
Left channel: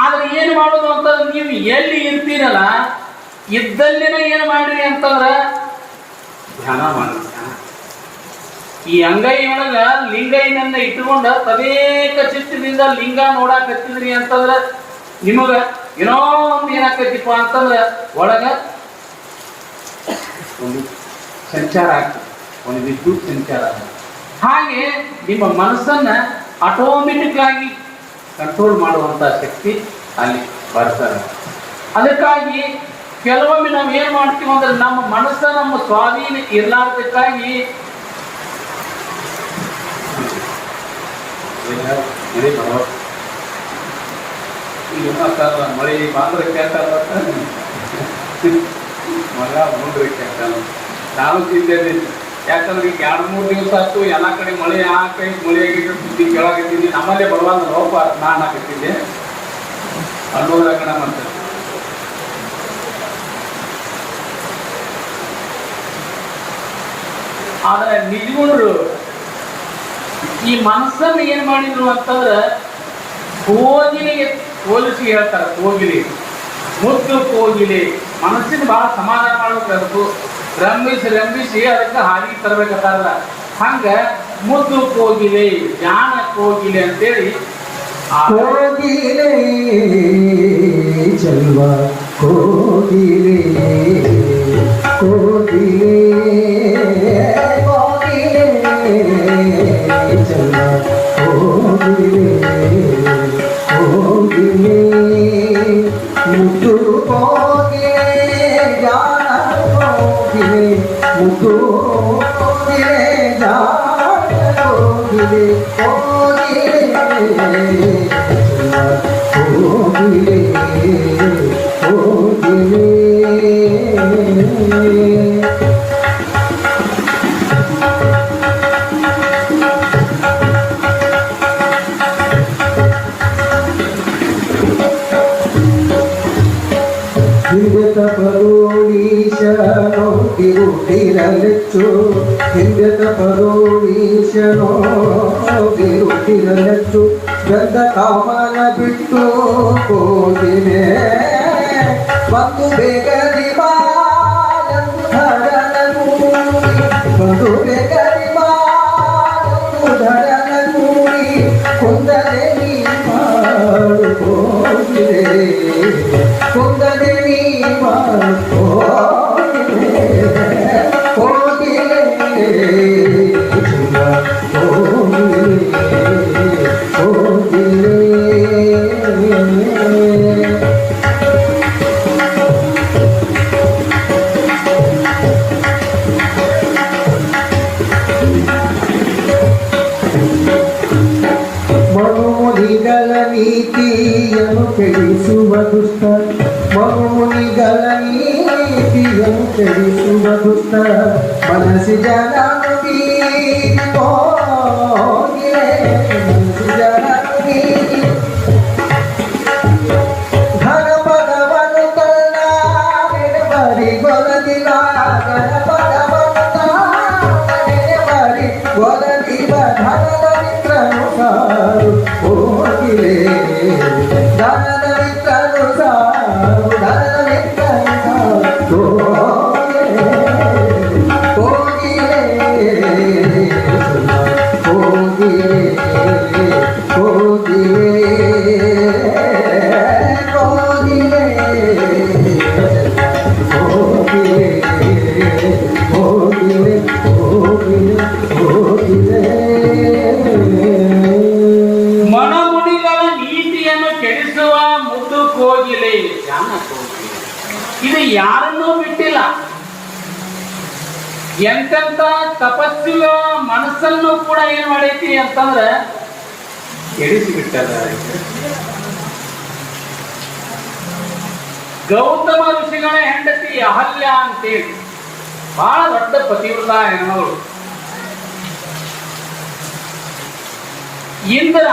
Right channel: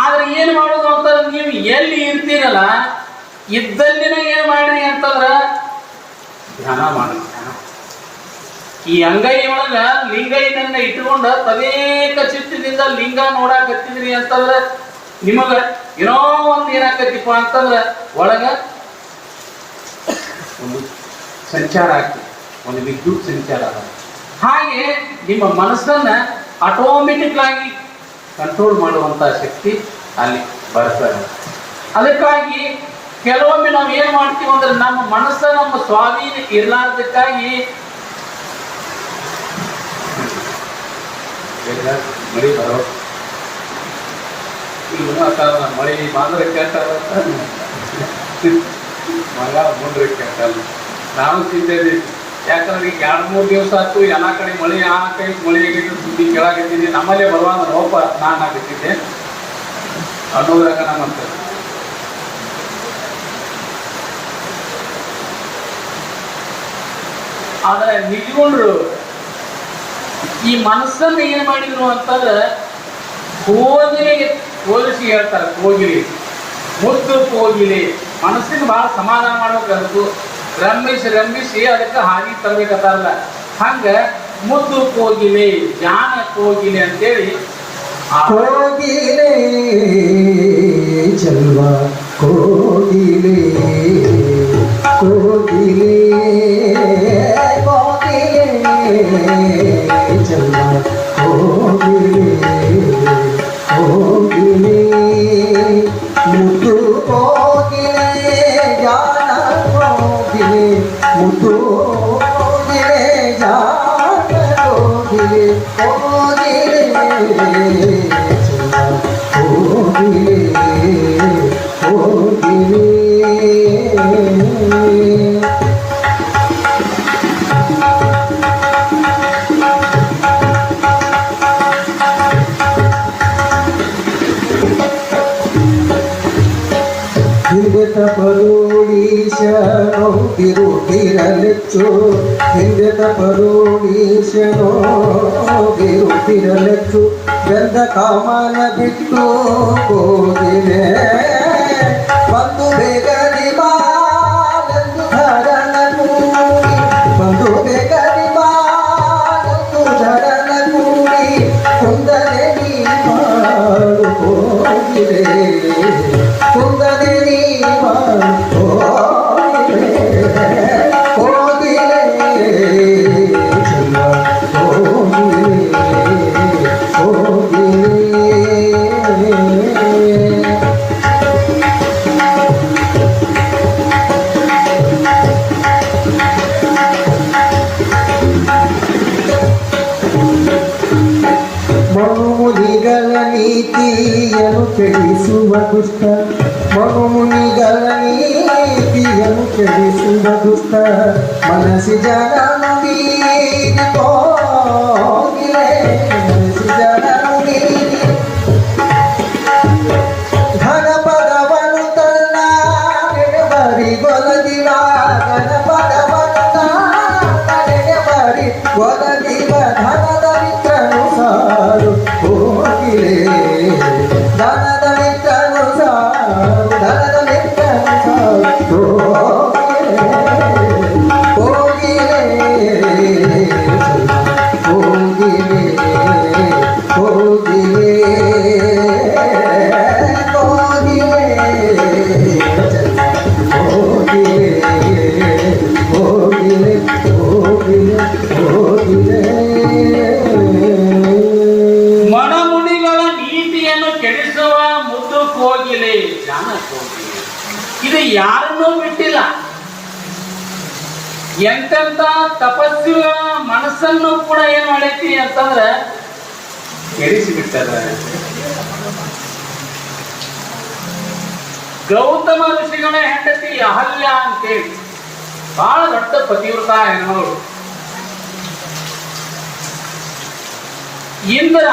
ಆದ್ರೆ ಏನು ಮಾಡೋದು ಅಂತಂದ್ರೆ ನೀವು ಎಲ್ಲಿ ಇರ್ತೀರಲ್ಲ ಇದ್ದಲ್ಲಿನ ಏನ್ ಮಾಡ್ರಿ ಅಂತಂದ್ರ ಧ್ಯಾನ ಮಾಡಿ. ಈ ಅಂಗೈ ಒಳಗ ಲಿಂಗೈನನ್ನ ಇಟ್ಕೊಂಡ ತದೇಕ ಚಿತ್ತದಿಂದ ಲಿಂಗ ನೋಡಾಕತ್ತಿದ್ರಿ ಅಂತಂದ್ರ ನಿಮಗ ಏನೋ ಒಂದು ಏನಾಕತಿಪ್ಪ ಅಂತಂದ್ರ ಒಳಗ ಒಂದು ಸಂಚಾರ ಆಗ್ತದೆ, ಒಂದು ವಿದ್ಯುತ್ ಸಂಚಾರ ಆಗ್ತದೆ. ಹಾಗೆ ನಿಮ್ಮ ಮನಸ್ಸನ್ನ ಆಟೋಮೆಟಿಕ್ ಆಗಿ ಕಂಟ್ರೋಲ್ ಮಾಡುವಂತ ಶಕ್ತಿ ಅಲ್ಲಿ ಬರ್ತಾರೆ. ಅದಕ್ಕಾಗಿ ಕೆಲವೊಮ್ಮೆ ನಾವು ಏನ್ ಮಾಡ್ತೀವಿ ಅಂದ್ರೆ ನಮ್ಮ ಮನಸ್ಸ ನಮ್ಮ ಸ್ವಾಧೀನ ಇರಲಾರ್ದಕ್ಕಾಗಿ ಮಳೆ ಬರೋ ಈಗ ಮಳೆ ಬಾಂದ್ರಕ್ಕೆ ಅಂತ ಮಗ ಮೂಡ್ರಕ್ಕೆ ಅಂತಲ್ಲ ನಾವು ಚಿಂತೆ. ಯಾಕಂದ್ರೆ ಈಗ 2-3 ದಿವಸ ಆಯ್ತು ಎಲ್ಲ ಕಡೆ ಮಳೆ ಕೈ ಮಳೆ ಆಗಿದ್ದು ಸುದ್ದಿ ಕೇಳಾಕತ್ತಿದ್ದೆ. ನಮ್ಮಲ್ಲೇ ಬರುವಂತ ರೋಪ ನಾನು ಹಾಕತ್ತಿದ್ದೆ ಅನ್ನೋದಾಗ ನಾನಂತ ಆದ್ರೆ ನಿಜಗೊಂಡ್ರು ಈ ಮನಸ್ಸನ್ನು ಏನ್ ಮಾಡಿದ್ರು ಅಂತಂದ್ರೆ ಕೋಗಿಲಿಗೆ ಹೋಲಿಸಿ ಹೇಳ್ತಾರೆ. ಕೋಗಿಲಿ ಮುದ್ದು ಕೋಗಿಲಿ ಮನಸ್ಸಿನ ಬಹಳ ಸಮಾಧಾನ ಮಾಡಬೇಕು, ರಂಭಿಸಿ ಅದಕ್ಕೆ ಹಾಗೆ ತರಬೇಕಂತಾರಲ್ಲ. ಹಂಗ ಮುದ್ದು ಕೋಗಿಲೆ ಜ್ಞಾನ ಕೋಗಿಲೆ ಅಂತೇಳಿ ಕೋಗಿಲೆ ಚಲ್ವ ಕೋಗಿಲೆ ಕೋಗಿಲೆ ಚಲ್ವ ಕೋಗಿಲೆ ಕೋಗಿಲೆ ಮುದ್ದು ಕೋಗಿಲೆ ಜ್ಞಾನ ಕೋಗಿಲೆ ಮುದ್ದು ಕೋಗಿಲೆ ಜ್ಞಾನ ಕೋಗಿಲೆ ಕೋಗಿಲೆ ಕೋಗಿಲೆ ಕೋಗಿಲೆ ಹಿಂದೆ ತಪರೋಡೀಶನೋ ತಿರುತ್ತಿರಲೆಚ್ಚು ಹಿಂದೆ ತಪರೋಡೀಶನೋ ತಿರುತ್ತಿರಲೆಚ್ಚು ಗಂಧ ಕಾಮನ ಬಿಟ್ಟು ಹೋಗಿವೆ ಬಂದು ಬೇಗನೆ ಬಾಳೆಂದು ಧರನನು ಬಂದು ಬೇಗನೆ ಬಾಳೆಂದು ಧರನನು ಕುಂದನೆ ನೀ ಮಾಡು ಹೋಗಿವೆ ಕುಂದನೆ ನೀ ಮಾಡು ಮನುನಿಗಳ ನೀತಿಯನ್ನು ಕೆಡಿಸುವ ದುಷ್ಟ ಮನುನಿಗಳ ನೀತಿಯನ್ನು ಕೆಡಿಸುವ ದುಷ್ಟ ಮನಸ್ಸಿ ಜನ ಘನಪದವನ್ನು ತನ್ನ ಬರಿ ಗೊಲದಿವ ಘನಪದವನ್ನು ಬರಿ ಗೊಲದಿವ ಧನದ ಮಿತ್ರನು ಸಾರು ಹೋಗಿಲೆ ಧನದ ಮಿತ್ರನು ಸಾರು ಧನದ ಮಿತ್ರನು ಸಾರು ಹೋಗಿಲೆ ಹೋಗಿಲೆ ಹೋಗಿಲೆ ಮನಮುನಿಗಳ ನೀತಿಯನ್ನು ಕೆಡಿಸುವ ಮುದ್ದು ಕೋಗಿಲೆ ಜ್ಞಾನ ಕೋಗಿಲೆ. ಇದು ಯಾರನ್ನೂ ಬಿಟ್ಟಿಲ್ಲ. ಎಂತೆಂತ ತಪಸ್ವಿಗಳ ಮನಸ್ಸನ್ನು ಕೂಡ ಏನ್ ಮಾಡೈತಿ ಅಂತಂದ್ರೆ ಕೆಡಿಸಿ ಬಿಟ್ಟಿದ್ದಾರೆ. ಗೌತಮ ಋಷಿಗಳ ಹೆಂಡತಿ ಅಹಲ್ಯ ಅಂತೇಳಿ ಬಹಳ ದೊಡ್ಡ ಪತಿವ್ರತ ಹೆಣ್ಣೋಳು. ಇಂದ್ರ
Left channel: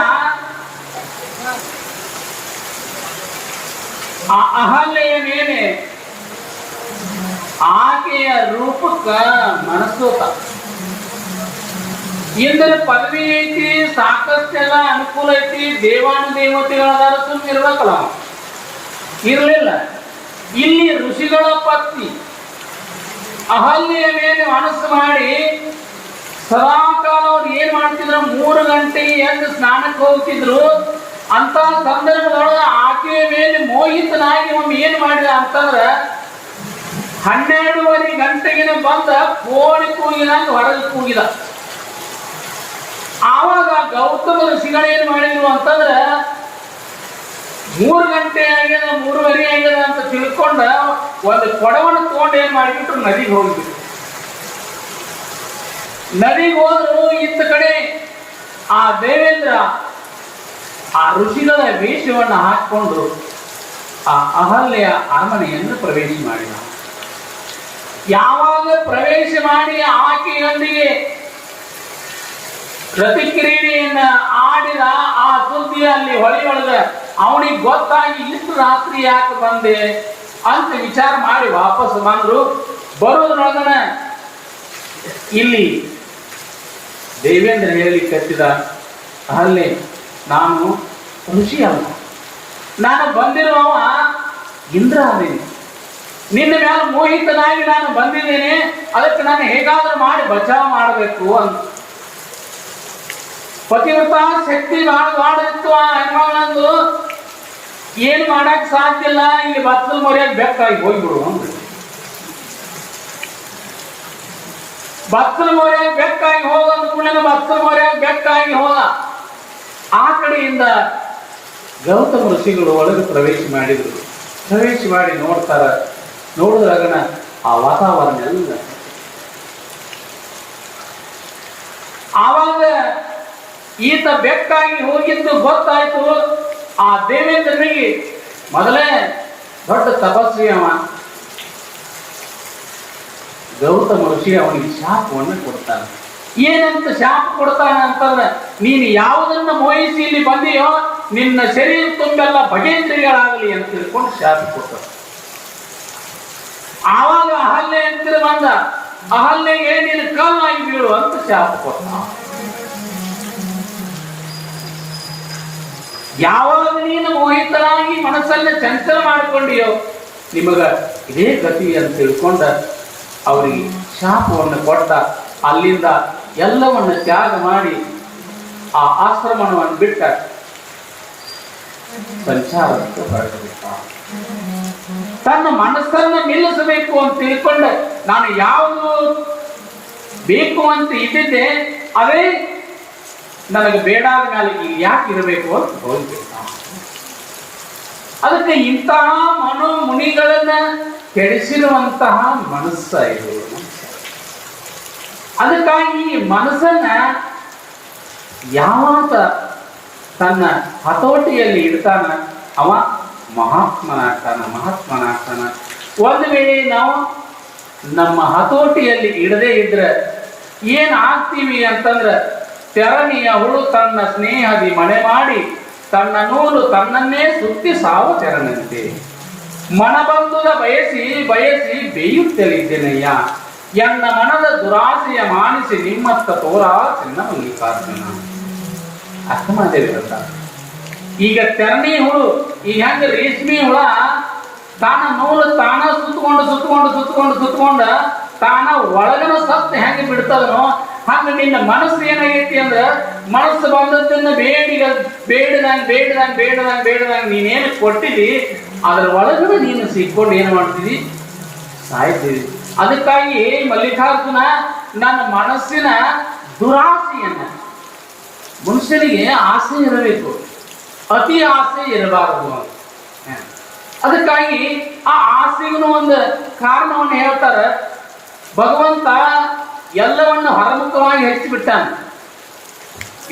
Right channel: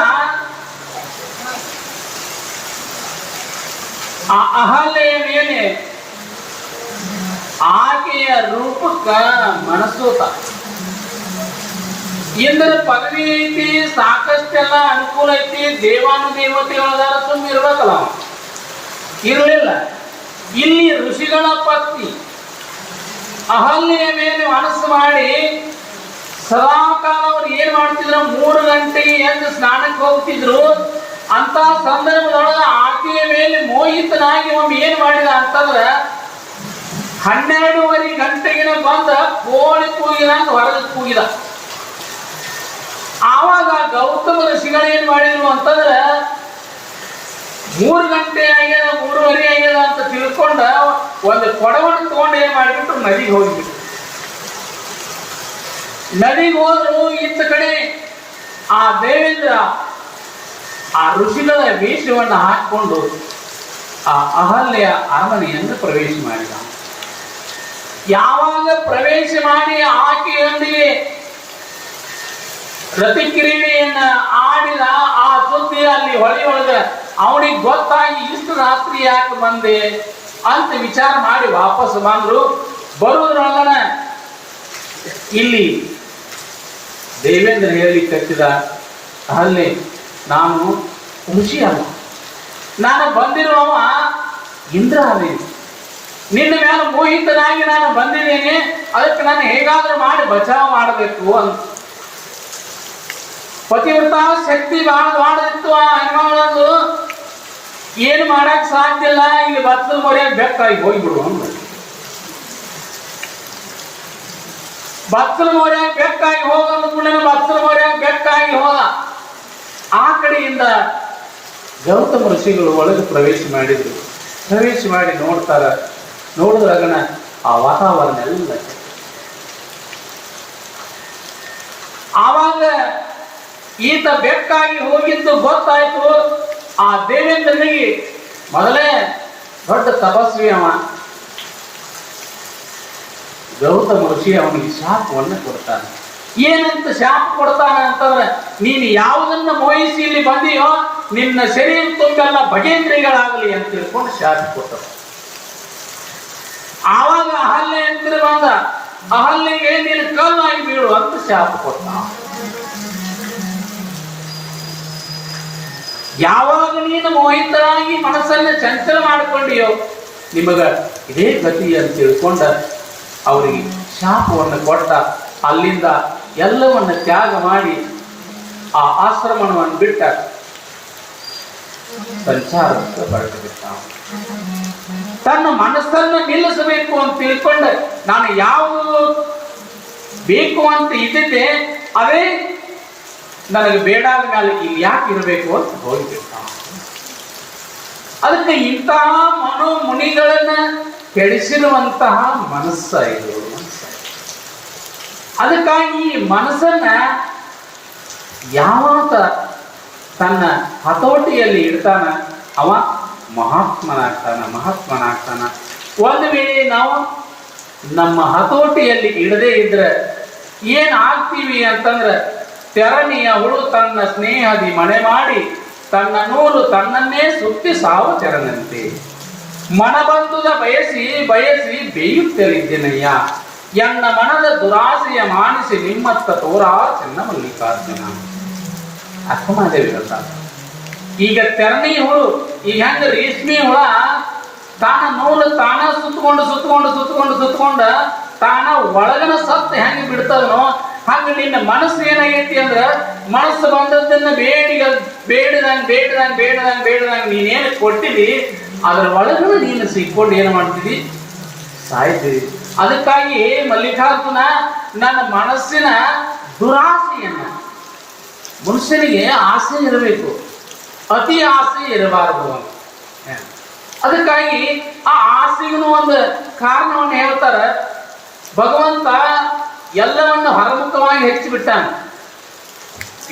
ಆ ಅಹಲ್ಯೆಯ ಮೇಲೆ ಆಕೆಯ ರೂಪಕ್ಕ ಮನಸ್ಸೋತ. ಇಂದ್ರ ಪದವಿ ಐತಿ, ಸಾಕಷ್ಟೆಲ್ಲ ಅನುಕೂಲ ಐತಿ, ದೇವಾನುದೇವತೆಗಳಾದಾರ ಸುಮ್ಮ ಇರ್ಬೇಕಲ್ಲ, ಇರಲಿಲ್ಲ. ಇಲ್ಲಿ ಋಷಿಗಳ ಪತ್ನಿ ಅಹಲ್ಯೆಯ ಮೇಲೆ ಮನಸ್ಸು ಮಾಡಿ ಸದಾಕಾಲ ಅವ್ರು ಏನ್ ಮಾಡ್ತಿದ್ರು, 3 ಗಂಟೆಗೆ ಎದ್ದು ಸ್ನಾನಕ್ಕೆ ಹೋಗ್ತಿದ್ರು. ಅಂತ ಸಂದರ್ಭದೊಳಗೆ ಆಕೆಯ ಮೇಲೆ ಮೋಹಿತನಾಗಿ ಒಮ್ಮೆ ಏನ್ ಮಾಡಿದ ಅಂತಂದ್ರೆ 12:30 ಗಂಟೆಗೆ ಬಂದ ಕೋಳಿ ಕೂಗಿದಂತ ಹೊರಗೆ ಕೂಗಿದ. ಆವಾಗ ಗೌತಮ ಋಷಿಗಳು ಏನ್ ಮಾಡಿದ್ರು ಅಂತಂದ್ರೆ 3 ಗಂಟೆ ಆಗ್ಯದ 3:30 ಆಗ್ಯದ ಅಂತ ತಿಳ್ಕೊಂಡ ಒಂದು ಕೊಡವನ್ನು ತಗೊಂಡು ಏನ್ ಮಾಡಿಬಿಟ್ರು ನದಿಗೆ ಹೋಗ್ಬಿಟ್ರು. ನದಿಗೆ ಹೋದ್ರು ಇತ್ತ ಕಡೆ ಆ ದೇವೇಂದ್ರ ಆ ಋಷಿಗಳ ವೇಷವನ್ನು ಹಾಕಿಕೊಂಡು ಆ ಅಹಲ್ಯ ಅರಮನೆಯನ್ನು ಪ್ರವೇಶ ಮಾಡಿದ. ಯಾವಾಗ ಪ್ರವೇಶ ಮಾಡಿ ಆಕೆಯೊಂದಿಗೆ ರತಿಕ್ರೀಡೆಯನ್ನ ಆಡಿದ ಆ ಸುದ್ದಿ ಅಲ್ಲಿ ಹೊಳೆಯೊಳಗ ಅವನಿಗೆ ಗೊತ್ತಾಗಿ ಇಷ್ಟು ರಾತ್ರಿ ಯಾಕೆ ಬಂದೆ ಅಂತ ವಿಚಾರ ಮಾಡಿ ವಾಪಸ್ ಬಂದ್ರು. ಬರೋದ್ರೊಳಗನ ಇಲ್ಲಿ ದೇವೇಂದ್ರ ಹೇಳಲಿಕ್ಕೆ ಕಟ್ಟಿದ, ಅಲ್ಲೇ ನಾನು ಋಷಿ ಅಲ್ಲ, ನಾನು ಬಂದಿರುವವ ಇಂದ್ರ ಅದೇನೆ, ನಿನ್ನ ಮೇಲೆ ಮೋಹಿತನಾಗಿ ನಾನು ಬಂದಿದ್ದೇನೆ, ಅದಕ್ಕೆ ನಾನು ಹೇಗಾದ್ರೂ ಮಾಡಿ ಬಚಾವ್ ಮಾಡಬೇಕು ಅಂತ. ಪತಿವ್ರತ ಶಕ್ತಿ ಬಹಳ ಇತ್ತು ಆ ಹನುಮಾನಂದು. ಏನು ಮಾಡಕ್ ಸಾಧ್ಯ ಇಲ್ಲ, ಇಲ್ಲಿ ಬತ್ತಲು ಮರೆಯಾಗಿ ಬೆಕ್ಕಾಗಿ ಹೋಗ್ಬಿಡು ಅಂತ. ಬತ್ತಲು ಮರೆಯಾಗಿ ಬೆಕ್ಕಾಗಿ ಹೋಗಂದು ಕೂಡ ಬತ್ತಲು ಮರೆಯಾಗಿ ಬೆಕ್ಕಾಗಿ ಹೋದ. ಆ ಕಡೆಯಿಂದ ಗೌತಮ ಋಷಿಗಳು ಒಳಗೆ ಪ್ರವೇಶ ಮಾಡಿದ್ರು. ಪ್ರವೇಶ ಮಾಡಿ ನೋಡ್ತಾರ. ನೋಡಿದ್ರಾಗನ ಆ ವಾತಾವರಣ ಎಲ್ಲ ಆವಾಗ ಈತ ಬೆಕ್ಕಾಗಿ ಹೋಗಿದ್ದು ಗೊತ್ತಾಯ್ತು. ಆ ದೇವೇಂದ್ರನಿಗೆ ಮೊದಲೇ ದೊಡ್ಡ ತಪಸ್ವಿ ಅವ, ಗೌತಮ ಋಷಿ ಅವನಿಗೆ ಶಾಪವನ್ನು ಕೊಡ್ತಾನೆ. ಏನಂತ ಶಾಪ ಕೊಡ್ತಾನೆ ಅಂತಂದ್ರೆ, ನೀನು ಯಾವುದನ್ನ ಮೋಹಿಸಿ ಇಲ್ಲಿ ಬಂದಿಯೋ ನಿನ್ನ ಶರೀರ ತುಂಬೆಲ್ಲ ಭಗೇಂದ್ರಿಗಳಾಗಲಿ ಅಂತ ತಿಳ್ಕೊಂಡು ಶಾಪ ಕೊಡ್ತಾನೆ. ಆವಾಗ ಅಹಲ್ಯ ಅಂತ ಬಂದ, ಅಹಲ್ಯಗೆ ನೀನು ಕಲ್ಲಾಗಿ ಬೀಳು ಅಂತ ಶಾಪ ಕೊಡ್ತಾನ. ಯಾವಾಗ ನೀನು ಮೋಹಿತರಾಗಿ ಮನಸ್ಸನ್ನ ಚಂಚಲ ಮಾಡಿಕೊಂಡಿಯೋ ನಿಮಗ ಇದೇ ಗತಿ ಅಂತ ತಿಳ್ಕೊಂಡ ಅವರಿಗೆ ಶಾಪವನ್ನು ಕೊಟ್ಟ. ಅಲ್ಲಿಂದ ಎಲ್ಲವನ್ನ ತ್ಯಾಗ ಮಾಡಿ ಆ ಆಶ್ರಮವನ್ನು ಬಿಟ್ಟ ಸಂಚಾರಕ್ಕೆ ಹೊರಟು ಬಿಟ್ಟ. ತನ್ನ ಮನಸ್ಸನ್ನ ನಿಲ್ಲಿಸಬೇಕು ಅಂತ ತಿಳ್ಕೊಂಡ ನಾನು ಯಾವುದು ಬೇಕು ಅಂತ ಇದ್ದಿದ್ದೆ ಅದೇ ನನಗೆ ಬೇಡಾದ ಮೇಲೆ ಇಲ್ಲಿ ಯಾಕೆ ಇರಬೇಕು ಅಂತ ಹೋಗ್ಬಿಟ್ಟ. ಅದಕ್ಕೆ ಇಂತಹ ಮನೋ ಮುನಿಗಳನ್ನ ಕೆಡಿಸಿರುವಂತಹ ಮನಸ್ಸ ಇದು. ಅದಕ್ಕಾಗಿ ಈ ಮನಸ್ಸನ್ನ ಯಾವಾಗ ತನ್ನ ಹತೋಟಿಯಲ್ಲಿ ಇಡ್ತಾನ ಅವ ಮಹಾತ್ಮನಾಗ್ತಾನ. ಒಂದು ವೇಳೆ ನಾವು ನಮ್ಮ ಹತೋಟಿಯಲ್ಲಿ ಇಡದೇ ಇದ್ರೆ ಏನ್ ಆಗ್ತೀವಿ ಅಂತಂದ್ರೆ, ತೆರಣಿಯ ಹುಳು ತನ್ನ ಸ್ನೇಹದಿ ಮನೆ ಮಾಡಿ ತನ್ನ ನೂಲು ತನ್ನನ್ನೇ ಸುತ್ತಿ ಸಾವು ತೆರನಂತೆ. ಮನಬಂಧುದ ಬಯಸಿ ಬಯಸಿ ಬೇಯುತ್ತಲಿದ್ದೇನೆಯ್ಯ, ಎನ್ನ ಮನದ ದುರಾಸೆಯ ಮಾನಿಸಿ ನಿಮ್ಮತ್ತ ತೋರಾ ಚೆನ್ನ ಮಲ್ಲಿಕಾರ್ಜುನ. ಅರ್ಥಮಾದೇವಿ ಹೇಳ್ತಾರೆ. ಈಗ ತೆರಣಿ ಹುಳು, ಈಗ ಹೆಂಗ ರೇಷ್ಮೆ ಹುಳ ತಾನ ನೂಲು ತಾನ ಸುತ್ತಕೊಂಡ ತಾನ ಒಳಗನ ಸತ್ತು ಹೆಂಗ ಬಿಡ್ತದನೋ ಹಂಗ ನಿನ್ನ ಮನಸ್ಸು ಏನಾಗೈತಿ ಅಂದ್ರ, ಮನಸ್ಸು ಬಂದದ್ದನ್ನ ಬೇಡದಂಗ ನೀನೇನು ಕೊಟ್ಟಿದಿ ಅದ್ರ ಒಳಗನ ನೀನು ಸಿಕ್ಕೊಂಡು ಏನು ಮಾಡ್ತಿದಿ, ಸಾಯ್ತೀವಿ. ಅದಕ್ಕಾಗಿ ಮಲ್ಲಿಕಾರ್ಜುನ ನನ್ನ ಮನಸ್ಸಿನ ದುರಾಸೆಯನ್ನ, ಮನುಷ್ಯನಿಗೆ ಆಸೆ ಇರಬೇಕು, ಅತಿ ಆಸೆ ಇರಬಾರದು. ಅದಕ್ಕಾಗಿ ಆ ಆಸೆಗೂ ಒಂದು ಕಾರಣವನ್ನು ಹೇಳ್ತಾರೆ. ಭಗವಂತ ಎಲ್ಲವನ್ನು ಹೊರಮುಖವಾಗಿ ಹೆಚ್ಚಿಬಿಟ್ಟಾನ.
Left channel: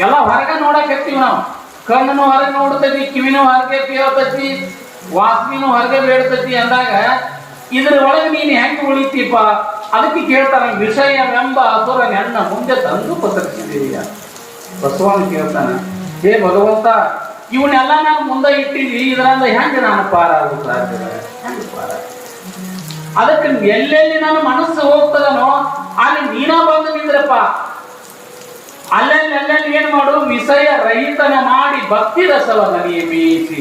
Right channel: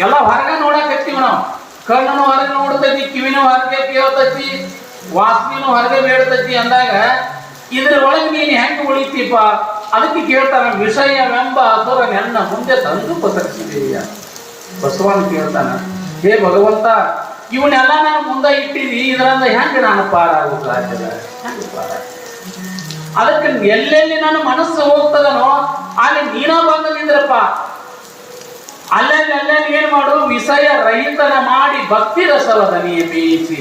ಎಲ್ಲ ಹೊರಗೆ ನೋಡಕ್ ಹತ್ತೀವಿ ನಾವು. ಕಣ್ಣನು ಹೊರಗೆ ನೋಡ್ತೈತಿ, ಕಿವಿನೂ ಹೊರಗೆ ಕೇಳ್ತೈತಿ, ವಾಸನೆನೂ ಹೊರಗೆ ಬೇಡ್ತೈತಿ ಅಂದಾಗ ಇದ್ರ ಒಳಗೆ ನೀನು ಹೆಂಗೆ ಉಳಿತೀಪ? ಅದಕ್ಕೆ ಕೇಳ್ತಾನ, ವಿಷಯವೆಂಬ ಅಸುರ ನನ್ನ ಮುಂದೆ ತಂದು ಪಸರಿಸಿದೀಯ. ಬಸವನ್ ಕೇಳ್ತಾನ, ಹೇ ಭಗವಂತ, ಇವನ್ನೆಲ್ಲ ನಾವು ಮುಂದೆ ಇಟ್ಟಿದ್ವಿ, ಇದರಿಂದ ಹೆಂಗೆ ನಾನು ಪಾರಾಗೋದು ಸಾಧ್ಯದ? ಹೆಂಗೆ ಪಾರ? ಅದಕ್ಕೆ ಎಲ್ಲೆಲ್ಲಿ ನಾನು ಮನಸ್ಸು ಹೋಗ್ತದನೋ ಅಲ್ಲಿ ನೀನೋ ಬಂದು ನಿಂದ್ರಪ್ಪ. ಅಲ್ಲೆಲ್ಲಿ ಏನ್ ಮಾಡು, ವಿಷಯ ರಹಿತನ ಮಾಡಿ ಭಕ್ತಿ ರಸವದ ನೀ ಬೀಸಿ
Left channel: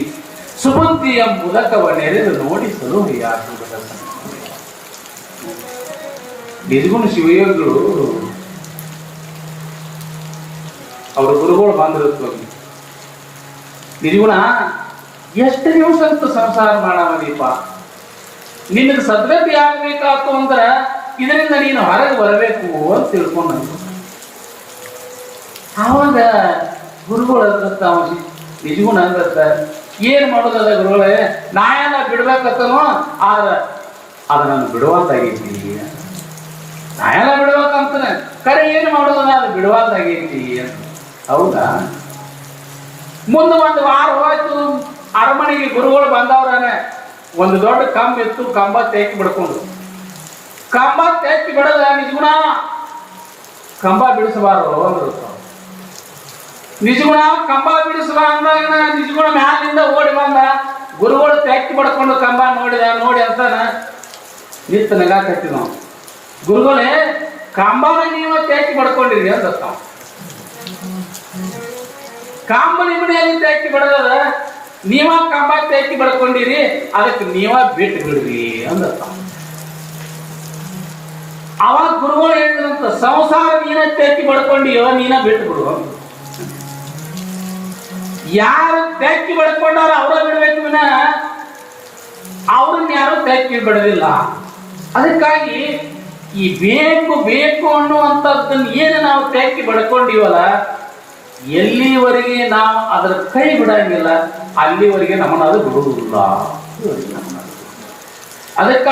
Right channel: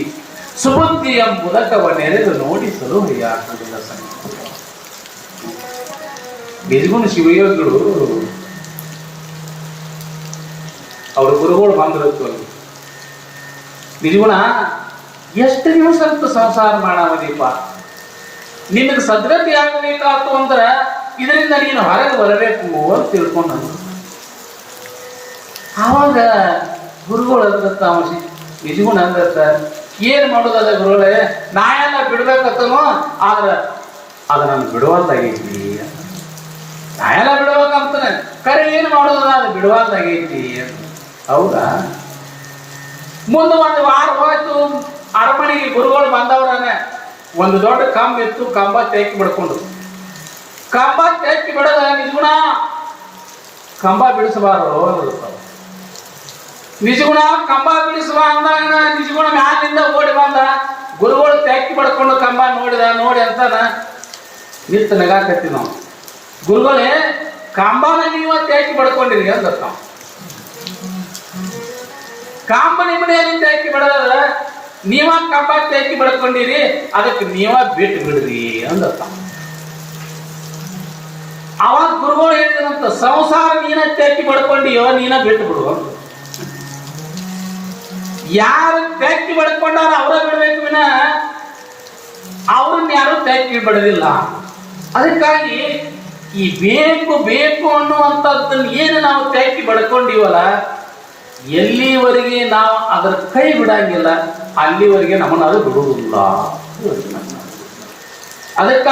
ಸುಬುದ್ಧಿಯ ಮುದಕವ ನೆರೆದು ನೋಡಿ ಸಲುಹೆಯ ನಿರ್ಗುಣ ಶಿವಯೋಗಿಗಳು ಅವ್ರ ಗುರುಗಳು ಬಂದಿರುತ್ತ. ನಿರ್ಗುಣ ಎಷ್ಟು ದಿವಸ ಅಂತ ಸಂಸಾರ ಮಾಡೀಪ, ನಿನಗೆ ಸದ್ಗತಿ ಆಗ್ಬೇಕಾತು ಅಂದ್ರ ಇದರಿಂದ ನೀನು ಹೊರಗೆ ಬರಬೇಕು ಅಂತ ತಿಳ್ಕೊಂಡ. ಆವಾಗ ಗುರುಗಳು ಅಂದತ್ತ, ನಿಜಗುಣ ಅಂದತ್ತ, ಏನ್ ಮಾಡೋದಲ್ಲ ಗುರುಗಳೇ, ನಾ ಎಲ್ಲ ಬಿಡ್ಬೇಕತ್ತನೋ ಆದ್ರ ಅದ ನಾನು ಬಿಡುವಂತಾಗೈತಿ. ನಾ ಎಲ್ಲ ಬಿಡ್ಬೇಕಂತಾನೆ, ಕರೆ ಏನು ಮಾಡೋದಲ್ಲ ಅದು ಬಿಡುವಂತಾಗೈತಿ ಅಂತ. ಹೌದಾ? ಮುಂದೆ ಒಂದು ವಾರ ಹೋಯ್ತು, ಅರಮನೆಗೆ ಗುರುಗಳು ಬಂದವ್ರನೆ. ಒಂದು ದೊಡ್ಡ ಕಂಬ ಇತ್ತು, ಕಂಬ ತೆಕ್ಕಿ ಬಿಡ್ಕೊಂಡು, ಕಂಬ ತೆಕ್ಕಿ ಬಿಡೋದ ನಿಜಗುಣ, ಕಂಬ ಬಿಡಿಸಬಾರ್ದು ಅಂದ್ರು. ನಿಜಗುಣ ಕಂಬ ಬಿಡಿಸುವ ಅಂದಾಗ ನಿಜಗುಣ ಮ್ಯಾಲಿಂದ ಓಡಿ ಬಂದ. ಗುರುಗಳು ತೆಕ್ಕಿ ಬಿಡ್ಕೊಂಡು ಕಂಬ ನೋಡಿ ಅಂತಾನ ನಿಂತು ನಗಾಕತ್ತೀವಿ ನಾವು. ಗುರುಗಳೇ, ಕಂಬನ ನೀವ ತೆಕ್ಕಿ ಬಿಡ್ಕೊಂಡಿರಿ ಅಂತ ನಾವು. ಕಂಬ ನಿಮ್ಮನೆಯಲ್ಲಿ ತೆಕ್ಕಿ ಬಿಡೋದ, ನೀವ ಕಂಬ ತೆಕ್ಕಿ ಬಿಡ್ಕೊಂಡಿರಿ, ಅದಕ್ಕೆ ನೀವ ಬಿಟ್ಟು ಬಿಡ್ರಿ ಅಂದ. ಅವಾಗ ಗುರುಗಳು ಹೇಳಿದಂತ, ಸಂಸಾರ ನೀನ ತೆಕ್ಕಿ ಬಿಡ್ಕೊಂಡಿಯೋ ನೀನ ಬಿಟ್ಟು ಬಿಡು. ಯಾರು ತೆಕ್ಕಿ ಬಿಡ್ಕೊಂಡಾರ ಅವ್ರ ಬಿಡ್ಬೇಕು ವಿನ ಅವ್ರನ್ನ ಯಾರು ತೆಕ್ಕಿ ಬಿಡೋದಿಲ್ಲ. ಅದಕ್ಕಾಗಿ ಈ ಬೇಕು ಅನ್ನುವಂಥದ್ದನ್ನ ಏನು ನಾವು ತೆಕ್ಕಿ ಬಿಡ್ಕೊಂಡಿವಲ್ಲ, ಎಲ್ಲಿವರೆಗೆ ನಾವು ಅದರ ಕೈ ಬಿಡಂಗಿಲ್ಲ ಅಲ್ಲಿವರೆಗೆ ನಮ್ಮನ್ನ ಅದು ಬಿಡುವುದಿಲ್ಲ. ಅದಕ್ಕಾಗಿ